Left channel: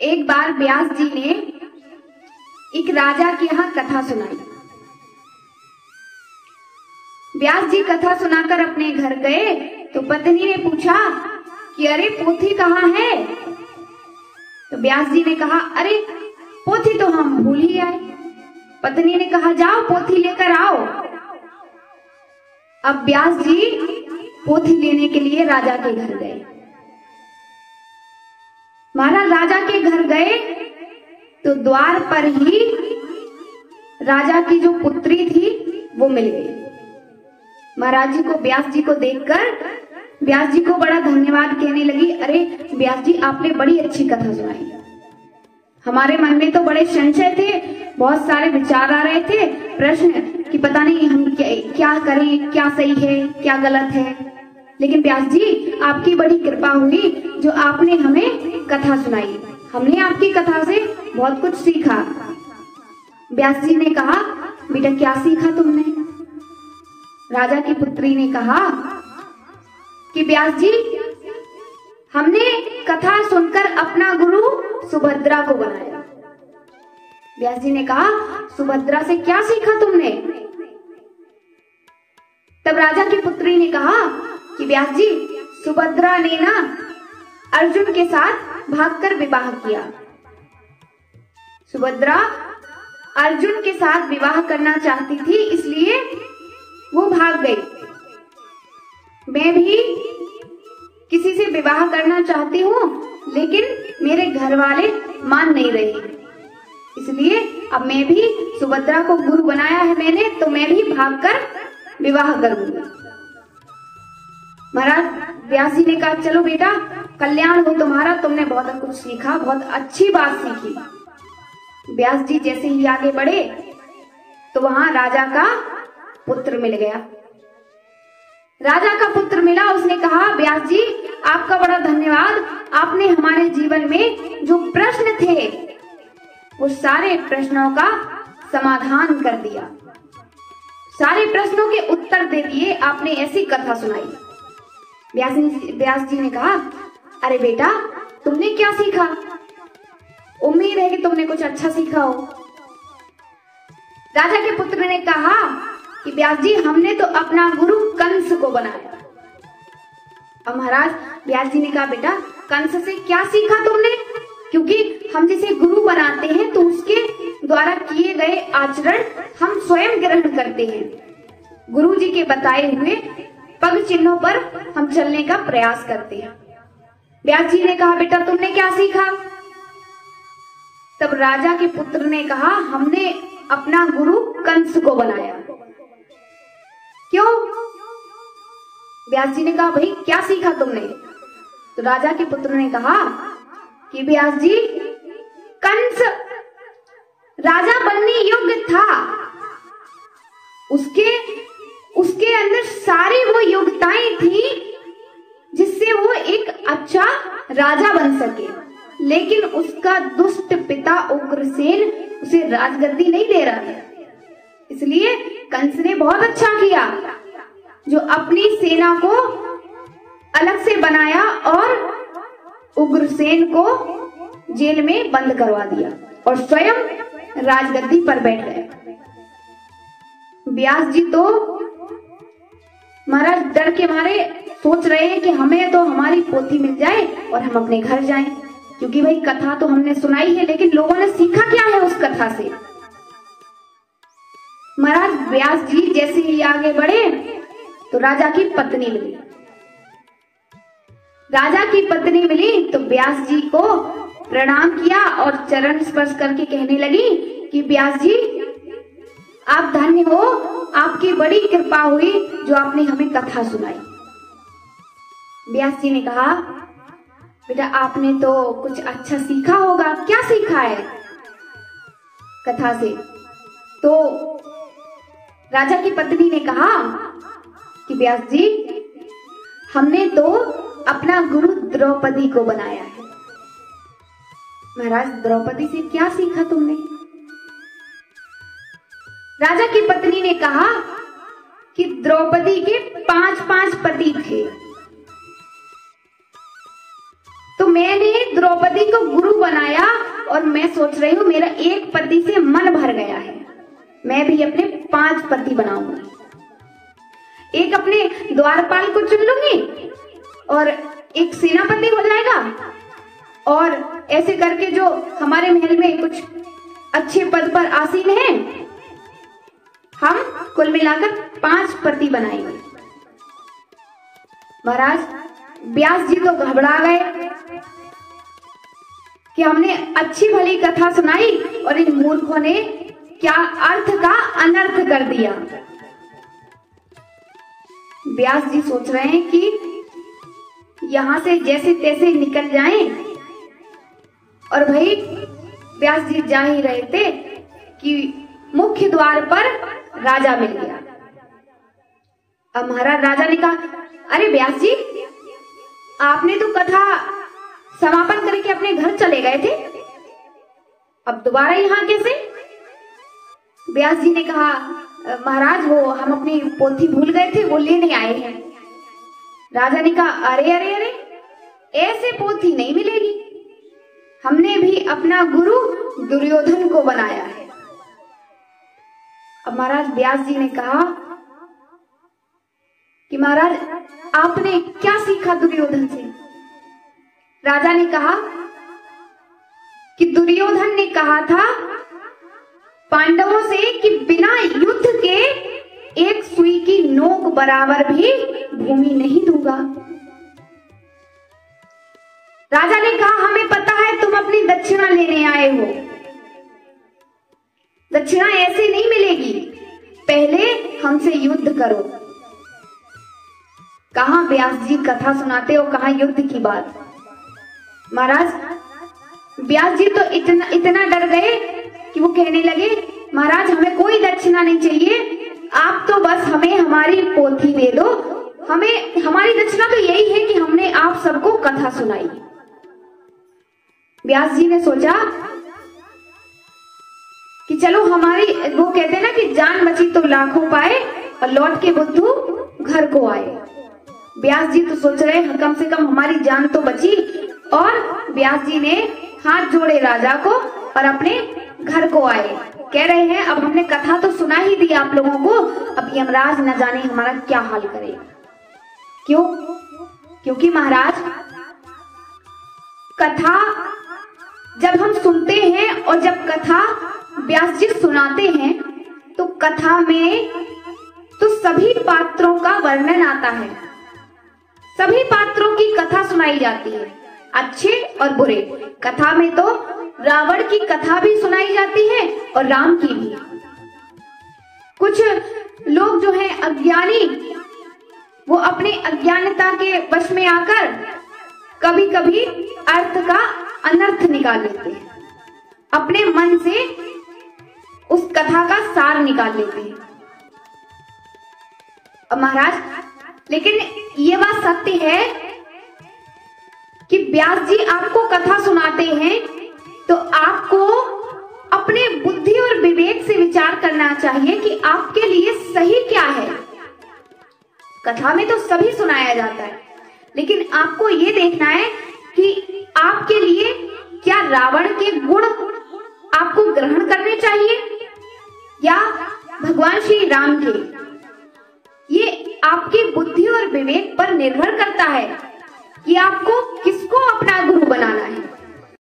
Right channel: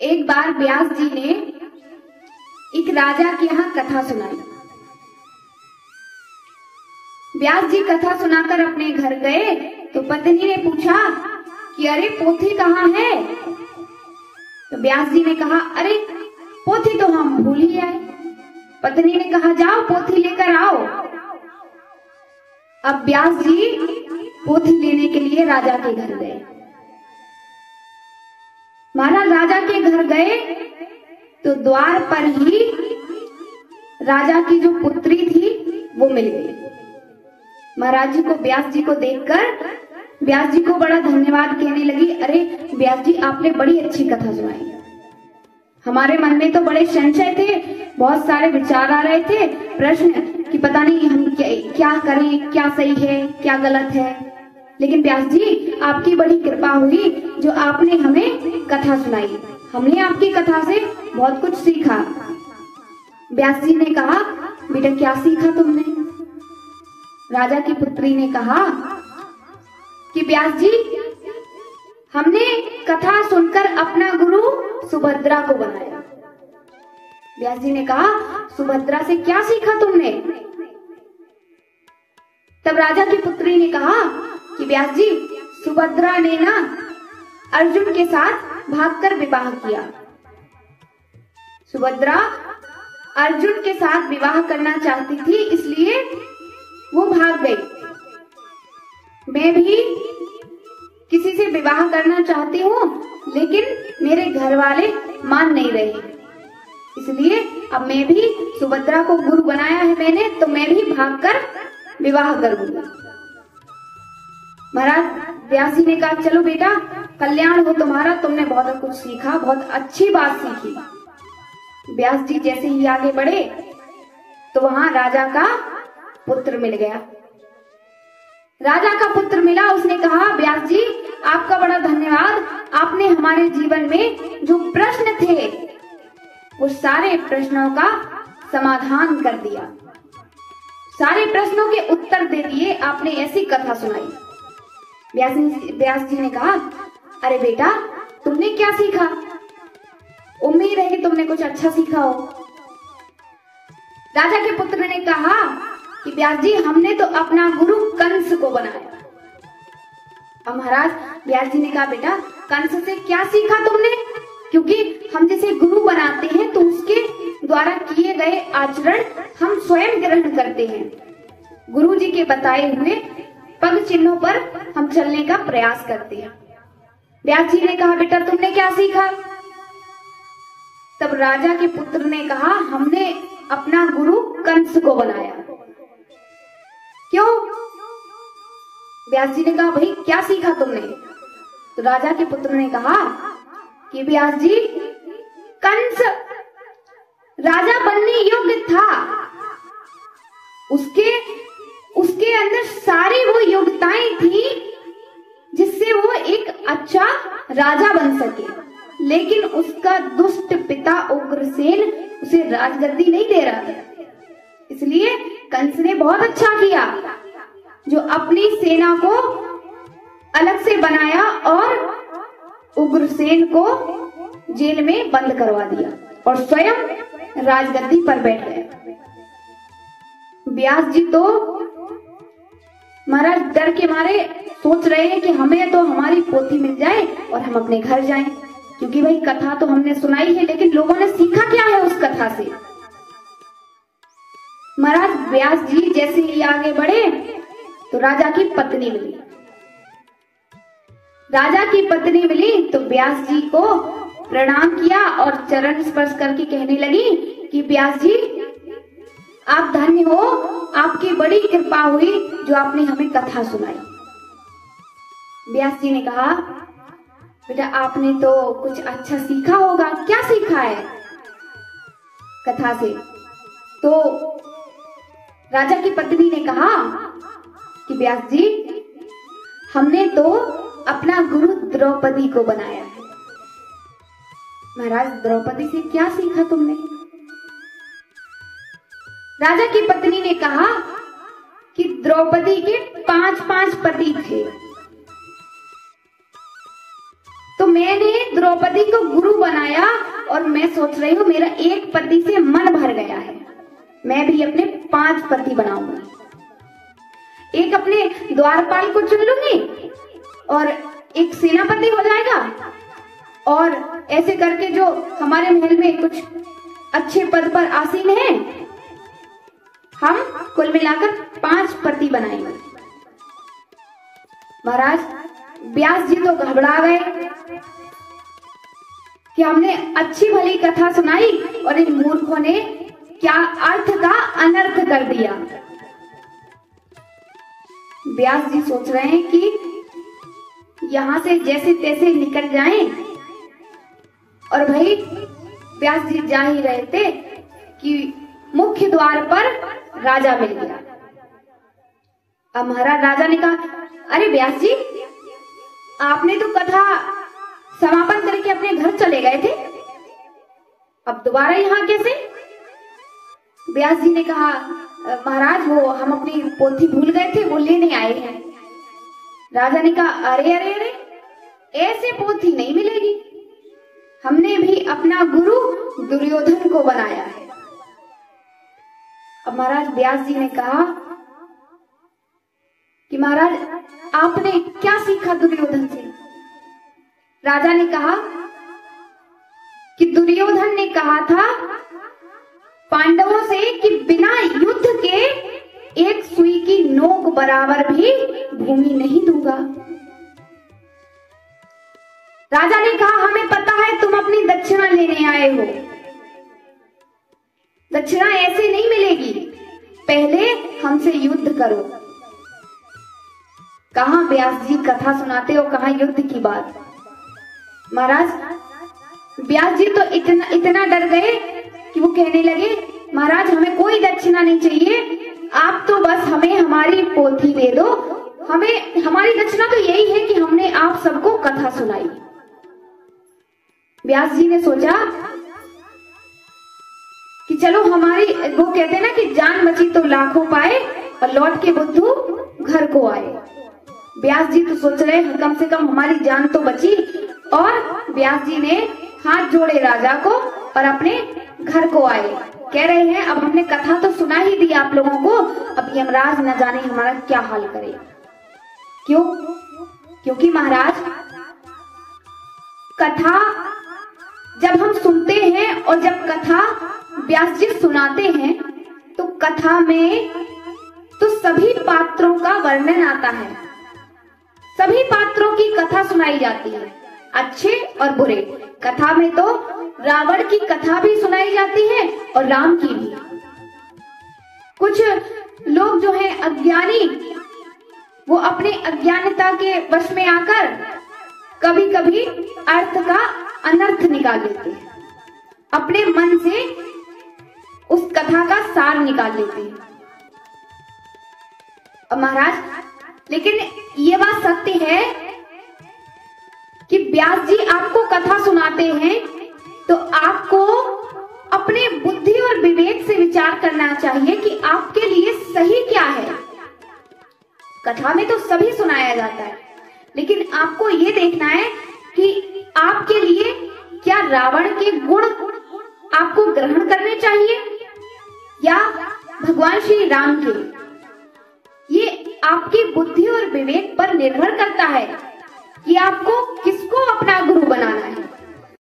एक बार व्यास जी ने एक राजा के यहाँ कथा सुनाई। व्यास जी कथा सुनाकर अपने घर गए तो पत्नी ने पूछा कि अरे पोथी कहाँ है। तो व्यास जी ने कहा अरे पोथी तो हम भूल ही आए। पत्नी ने कहा जाओ पोथी लेकर आओ। अब व्यास जी पोथी लेने के लिए राजा के घर गए। महाराज राजा के घर गए तो द्वार पर ही राजा की जो पुत्री थी वो मिल गई। महाराज जी को व्यास जी को देखकर व्यास जी को बड़ा धन्यवाद कहने लगी। अरे व्यास जी आपने बड़ी अच्छी कथा सुनाई। हमारे मन में तो बड़े संशय थे, बहुत सारे विचार आ रहे थे, प्रश्न कि पता नहीं हम क्या करें, क्या सही है क्या गलत है। लेकिन व्यास जी आपकी बड़ी कृपा हुई जो आपने हमें कथा सुनाई। हमने आपकी कथा से बहुत कुछ सीखा। व्यास जी ने कहा बेटा क्या सीखा तुमने। राजा की पुत्री ने कहा कि व्यास जी हमने कथा सुनकर अपना गुरु सुभद्रा को बनाया। व्यास जी ने कहा सुभद्रा से क्या सीखा तुमने। तब राजा की पुत्री ने कहा कि व्यास जी सुभद्रा ने ना अर्जुन के साथ भागकर विवाह किया। सुभद्रा अर्जुन के साथ विवाह करना चाहती थी इसलिए वो भाग गई। मैं भी किसी से विवाह करना चाहती हूँ लेकिन मेरे घर वाले मान नहीं रहे, इसलिए अब मैं भी सुभद्रा को गुरु बनाया है मैंने, तो मैं भी भागकर विवाह करूंगा। महाराज व्यास जी ने कहा चलो बेटा कल्याण हो तुम्हारा, तुमने बहुत कुछ सीखा, बहुत अच्छी बात सीखी। व्यास जी जैसे ही आगे बढ़े तो वहां राजा का पुत्र मिल गया। राजा का पुत्र मिला, उसने कहा व्यास जी आपका बड़ा धन्यवाद, आपने हमारे जीवन में जो प्रश्न थे वो सारे प्रश्नों का समाधान कर दिया, सारे प्रश्नों के उत्तर दे दिए, आपने ऐसी कथा सुनाई। व्यास जी ने कहा अरे बेटा तुमने क्या सीखा, उम्मीद है कि तुमने कुछ अच्छा सीखा हो। राजा के पुत्र ने कहा कि व्यास जी हमने तो अपना गुरु कंस को बनाया। अब महाराज व्यास जी ने कहा बेटा कंस से क्या सीखा तुमने, क्योंकि हम जिसे गुरु बनाते हैं तो उसके द्वारा किए गए आचरण हम स्वयं ग्रहण करते हैं। गुरु जी के बताए हुए पग चिन्हों पर हम चलने का प्रयास करते हैं। व्यास जी ने कहा बेटा तुमने क्या सीखा। तब राजा के पुत्र ने कहा हमने अपना गुरु कंस को बनाया। क्यों। व्यास जी ने कहा भाई क्या सीखा तुमने। तो राजा के पुत्र ने कहा कि व्यास जी कंस राजा बनने योग्य था, उसके अंदर सारी वो योग्यताएं थी जिससे वो एक अच्छा राजा बन सके, लेकिन उसका दुष्ट पिता उग्रसेन उसे राजगद्दी नहीं दे रहा था। इसलिए कंस ने बहुत अच्छा किया जो अपनी सेना को अलग से बनाया और उग्रसेन को जेल में बंद करवा दिया और स्वयं राजगद्दी पर बैठ गए। व्यास जी तो महाराज डर के मारे सोच रहे हैं कि हमें तो हमारी पोथी मिल जाए और हम अपने घर जाएं, क्योंकि भाई कथा तो हमने सुनाई है लेकिन लोगों ने सीखा क्या है उस कथा से। महाराज व्यास जी जैसे ही आगे बढ़े तो राजा की पत्नी मिली। राजा की पत्नी मिली तो व्यास जी को प्रणाम किया और चरण स्पर्श करके कहने लगी कि व्यास जी आप धन्य हो, आपकी बड़ी कृपा हुई जो आपने हमें कथा सुनाई। व्यास जी ने कहा बेटा आपने तो कुछ अच्छा सीखा होगा, क्या सीखा है कथा से। तो राजा की पत्नी ने कहा कि व्यास जी हमने तो अपना गुरु द्रौपदी को बनाया है। महाराज द्रौपदी से क्या सीखा तुमने। राजा की पत्नी ने कहा कि द्रौपदी के 5 पति थे, तो मैंने द्रौपदी को गुरु बनाया और मैं सोच रही हूँ मेरा एक पति से मन भर गया है, मैं भी अपने 5 पति बनाऊंगा। एक अपने द्वारपाल को चुन लूंगी और एक सेनापति हो जाएगा, और ऐसे करके जो हमारे महल में कुछ अच्छे पद पर आसीन हैं, हम कुल मिलाकर 5 पति बनाएंगे। महाराज व्यास जी तो घबरा गए कि हमने अच्छी भली कथा सुनाई और इन मूर्खों ने क्या अर्थ का अनर्थ कर दिया। व्यास जी सोच रहे हैं कि यहां से जैसे तैसे निकल जाएं, और भाई व्यास जी जा ही रहे थे कि मुख्य द्वार पर राजा मिल गया। अब महाराज राजा ने कहा, अरे व्यास जी, आपने तो कथा समापन करके अपने घर चले गए थे, अब दोबारा यहाँ कैसे? व्यास जी ने कहा, महाराज वो हम अपनी पोथी भूल गए थे, वो लेने आए हैं। राजा ने कहा, अरे अरे अरे, ऐसे पोथी नहीं मिलेगी, हमने भी अपना गुरु दुर्योधन को बनाया है। अब महाराज व्यास जी ने कहा कि महाराज आपने क्या सीखा दुर्योधन से? राजा ने कहा कि दुर्योधन ने कहा था पांडवों से कि बिना युद्ध के एक सुई की नोक बराबर भी भूमि नहीं दूंगा। राजा ने कहा, हमें पता है तुम अपनी दक्षिणा लेने आए हो, दक्षिणा ऐसे नहीं मिलेगी, पहले हमसे युद्ध करो। कहां व्यास जी कथा सुनाते हो, कहां युद्ध की बात। महाराज व्यास जी तो इतना डर गए कि वो कहने लगे, महाराज हमें कोई दक्षिणा नहीं चाहिए, आप तो बस हमें हमारी पोथी दे दो, हमें हमारी दक्षिणा तो यही है कि हमने आप सबको कथा सुनाई। व्यास जी ने सोचा कि चलो हमारी, वो कहते हैं ना कि जान बची तो लाखों पाए और लौट के बुद्धू घर को आए। व्यास जी तो सोच रहे कम से कम हमारी जान तो बची, और व्यास जी ने हाथ जोड़े राजा को और अपने घर को आए। कह रहे हैं अब हमने कथा तो सुना ही दी आप लोगों को, अब यमराज न जाने हमारा क्या हाल करे। क्यों? क्योंकि महाराज कथा जब हम सुनते हैं और जब कथा व्यास जी सुनाते हैं तो कथा में तो सभी पात्रों का वर्णन आता है, सभी पात्रों की कथा सुनाई जाती है, अच्छे और बुरे। कथा में तो रावण की कथा भी सुनाई जाती है और राम की भी। कुछ लोग जो हैं अज्ञानी, वो अपने अज्ञानता के वश में आकर कभी कभी अर्थ का अनर्थ निकाल लेते हैं, अपने मन से उस कथा का सार निकाल लेते हैं। और महाराज लेकिन ये बात सत्य है कि व्यास जी आपको कथा सुनाते हैं तो आपको अपने बुद्धि और विवेक से विचार करना चाहिए कि आपके लिए सही क्या है। कथा में तो सभी सुनाया जाता है, लेकिन आपको ये देखना है कि आपके लिए क्या रावण के गुण आपको ग्रहण करने चाहिए या भगवान श्री राम के। ये आपकी बुद्धि और विवेक पर निर्भर करता है कि आपको किसको अपना गुरु बनाना है।